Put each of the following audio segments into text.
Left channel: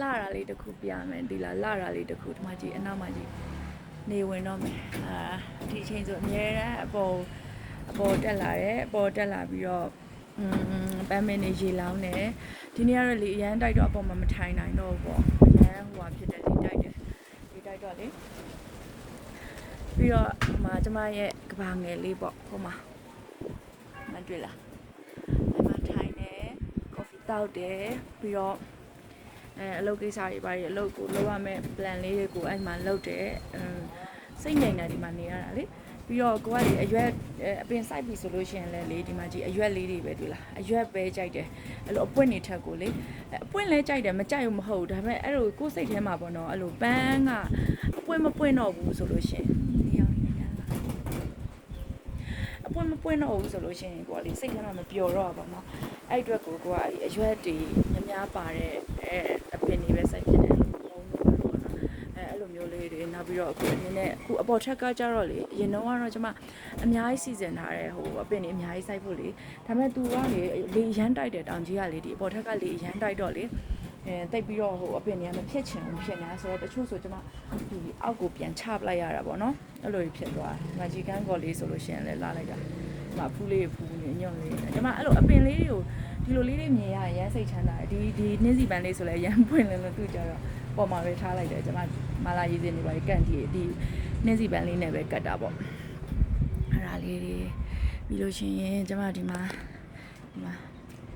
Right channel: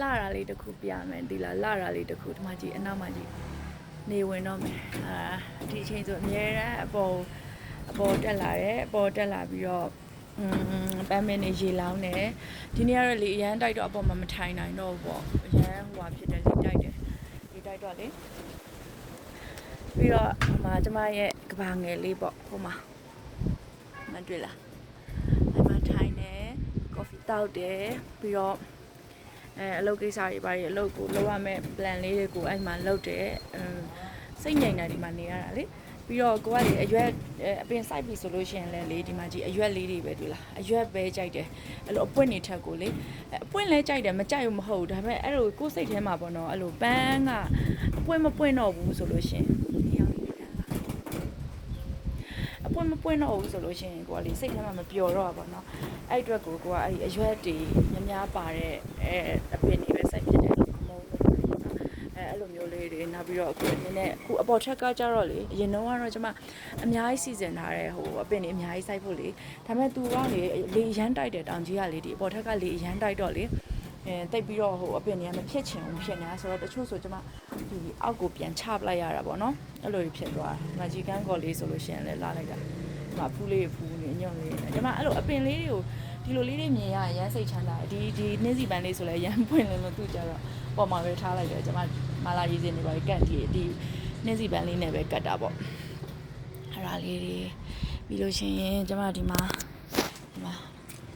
လာတာလေးတစ်ခုပြမယ်ဒီလားလာတာလေးတစ်ခုဒီမှာကြည့်အနောက်မှာကြည့်နေဝင်တော့မယ်ဒီချိန်ဆိုအများရန်အပေါ်တက်လာတယ်အပေါ်တက်လာပြီးတော့ပန်းမင်းနေရေလောင်းတယ်ဒီနေ့ကတော့လေအရန်တိုက်တော့အပေါ်မှာမထိုင်နိုင်တော့ဘူးပေါ့အရန်ဟိုဟာဖြစ်တယ်လေတိုက်တယ်ဒီတိုက်တော့လေပြီးတော့ဟိုမှာကျမရဲ့ကဘာငယ်လေးပေါ့ဟိုမှာမတွေ့လားအဲ့မှာထိုင်တယ်ကော်ဖီတောက်တယ်ပြီးတော့အလုပ်ကိစ္စတွေပါအလုပ်ကိုလုပ်ရမယ့် plan လေးတွေကိုအဲ့မှာလုပ်တယ်စိတ်ငြိမ်တာဒီမှာနေရတာလေပြီးတော့ကိုကလေအရွက်အပင်စိုက်ပြီဆိုလို့ရှိရင်လည်းလေဒီမှာကြည့်အရွက်လေးတွေပဲတွေ့လားအရွက်ပဲကြိုက်တယ်အဲ့လိုအပွင့်နေထက်ကိုလေအပွင့်လဲကြိုက်တယ်မကြိုက်ဘူးမဟုတ်ဘူးဒါပေမဲ့အဲ့လိုကိုယ်စိတ်ထဲမှာပေါ့နော်အဲ့လိုပန်းကအပွင့်မပွင့်တော့ဘူးဆိုလို့ရှိရင်အပွင့်မပွင့်တော့ဘူးဆိုလို့ရှိရင်ကိုကလေစိတ်ထဲမှာမပျော်တော့ပါတော့အဲ့အတွက်ကိုကအဲ့အရွက်တွေများပါတဲ့အပင်တွေပဲစိုက်ဖြစ်တယ်အဲ့လိုမျိုးလေးတွေနောက်ပြီးတော့အခုအနေနဲ့အခုအပေါ်ထက်ကကြတော့လေအရင်တော့ကတော့ကျွန်မအများကြီးစီစဉ်ထားတဲ့ဟိုအပင်တွေအများကြီးစိုက်ဖို့လေဒါပေမဲ့သူကလေရမ်းတိုက်တယ်တောင်ကြီးကလေဒီအပေါ်ထက်ကလေရမ်းတိုက်တော့လေတိတ်ပြီးတော့ဟိုအပင်တွေကမဖြစ်ချင်ဘူးဖြစ်နေတာဆိုတော့တချို့ဆိုကျွန်မဒီအောက်ကိုပြန်ချပလိုက်ရတာပေါ့နော်အဲ့လိုဖြစ်သွားတယ်ငါကြီးကန်းကော်လေးဆိုလို့ရှိရင်လည်းလာလိုက်တာငါဖူးလေးဖူးနေညွန့်လေးကျွန်မအဲ့လိုအပင်လေးတွေကိုဒီလိုလေးတွေမြင်ရရမ်းစိတ်ချမ်းသာတယ်ဒီနှင်းစီပန်းလေးဆိုလည်းရမ်းပွင့်လင်းလို့သူကြတော့ပေါ်မှာပဲထားလိုက်တယ်ကျွန်မမာလာရေးစင်တွေပါကန့်ဒီနှင်းစီပန်းလေးနဲ့ပဲကတ်တာပေါ့အဲ့ဒါလေးတွေပြီးလို့ရှိရင်ကျွန်မဒီမှာ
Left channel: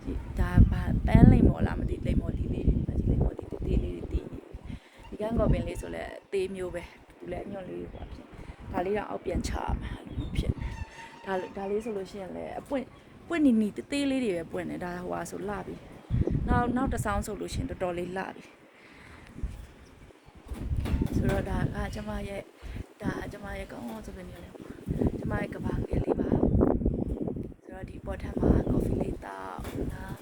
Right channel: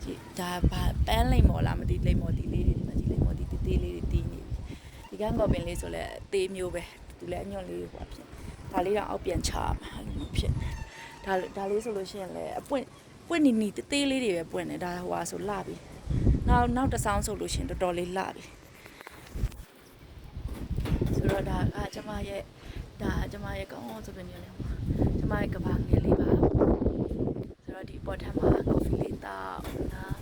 ဒီဒါပန်းလိမ့်မော်လားမသိလိမ့်မော်ဒီလေးတွေဒီမှာဒီလိမ့်မော်ဒီသေးလေးတွေတီးနေဒီကန်းကော်ပင်လေးဆိုလည်းအသေးမျိုးပဲသူလည်းအညွန့်လေးဟိုဖြစ်ဒါလေးတော့အောက်ပြန်ချမှာအဲ့လိုမျိုးဖြစ်ဒါလေးဆိုလို့ရှိရင်လည်းအပွင့်နီသေးလေးတွေပဲပွင့်နေဒါဟိုဟာဆိုလှပြီနောက်တစ်ဆောင်းဆိုလို့ရှိရင်တော်တော်လေးလှပြီဆိုတော့ဒါကကျမရဲ့ကောင်းကောင်းစပင်းနေလေဟိုကျမရဲ့ကဘာငယ်လေးပါဆိုတော့ဒီပေါ်ထပ်မှာကော်ဖီလေးတောက်နော်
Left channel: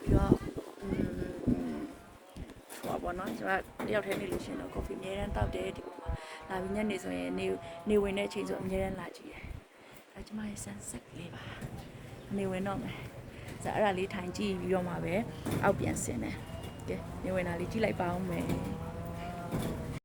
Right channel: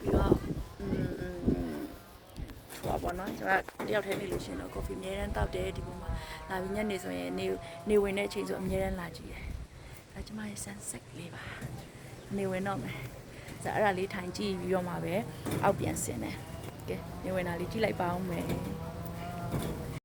ပြီးတော့ဟိုပါနော်ကျမတယောက်တည်းနေလို့ရှိရင်တော့ကော်ဖီအများတန်းတောက်တယ်ဒီပုံမှာလာပြီးညနေဆိုရင်နေဝင်တဲ့အချိန်ဆိုအများတန်းလာကြည့်တယ်ဒါကျမရဲ့ sunset လေးပါနေဝင်တော့မယ်ဆိုတော့အဲ့ဒါလေးထိုင်ကြည့်ပြီးတော့မှပဲအောက်ပြန်ဆင်းတယ်ကဲနေဝင်တာလေးကြည့်လိုက်ပါဦးမယ်